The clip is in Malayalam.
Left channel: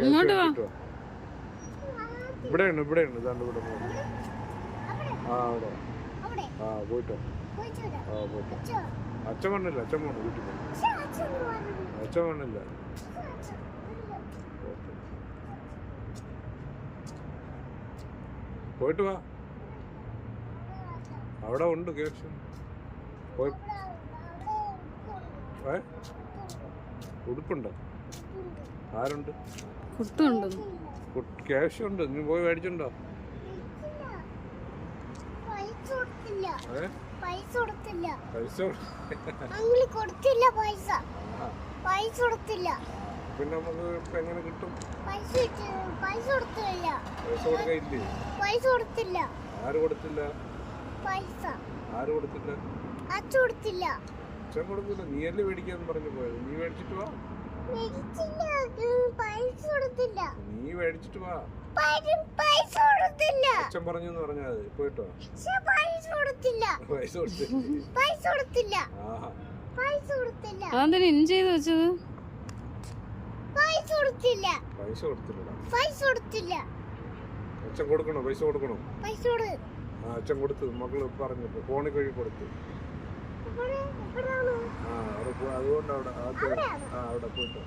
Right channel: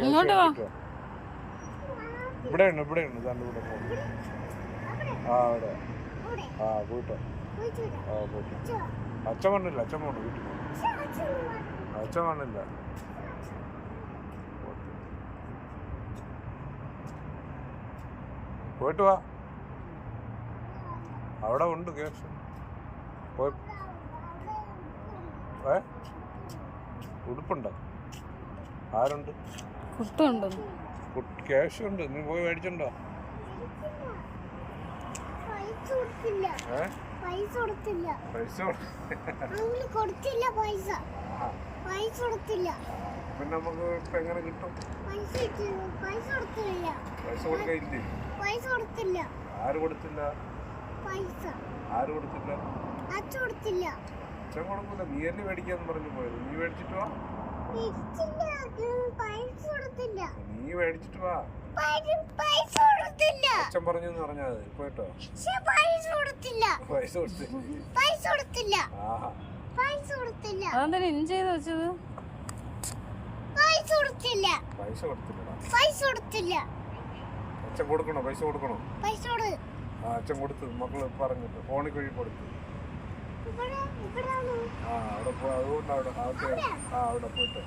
ഇങ്ങോട്ട് വാ. ഇവിടെയാണ് ഇവിടെയാണ് ഇതാണ്ട് ഇവിടെ ആ അവിടെ ആ പോയിട്ട് ആ പോയിട്ട് അച്ഛൻ വന്നില്ല അച്ഛൻ പോണു വീട്ടിൽ പോകണം അച്ഛൻ വന്നില്ല പോയിട്ട് വാ അവിടെ ഉണ്ട് കേസ് പോയി ഉടുപ്പുണ്ടോ ആരുണ്ട് കുട്ടുണ്ടോ ക്യാഷ് ഉണ്ട് നീ പോയി മേടിച്ചിട്ടുണ്ടോ പിന്നെ നമുക്ക് ഇപ്പൊ എങ്ങനെ കിട്ടും പൈസ കൊടുക്കില്ലേ ആര് കൊടുത്തില്ല ആര് കൊടുത്തില്ല അച്ഛൻ കൊടുക്കൂല നീ അല്ലേ മേടിക്കാന്ന് പറഞ്ഞു പോയത് നീ മേടിച്ചിട്ട് വാ നീ മേടിച്ചിട്ട് വാ അച്ഛൻ പറഞ്ഞു പറഞ്ഞാ പോയിട്ടോ പൈസ കൊടുത്തില്ല ആഹാ അതെന്താ ഇൻ ചെയ്ത് വെച്ചത് പൈസ കൊടുത്തില്ലടാ അച്ഛൻ കൊടുക്കണോ പൈസ കൊടുക്കണോ ആ അച്ഛൻ കൊടുത്തു മക്കള് പറഞ്ഞിട്ട് ഫോണിൽ കഴി കൊടുത്തു ആ അവിടെ അതുകൊണ്ട് അവിടെ അവിടെ പോയിട്ട്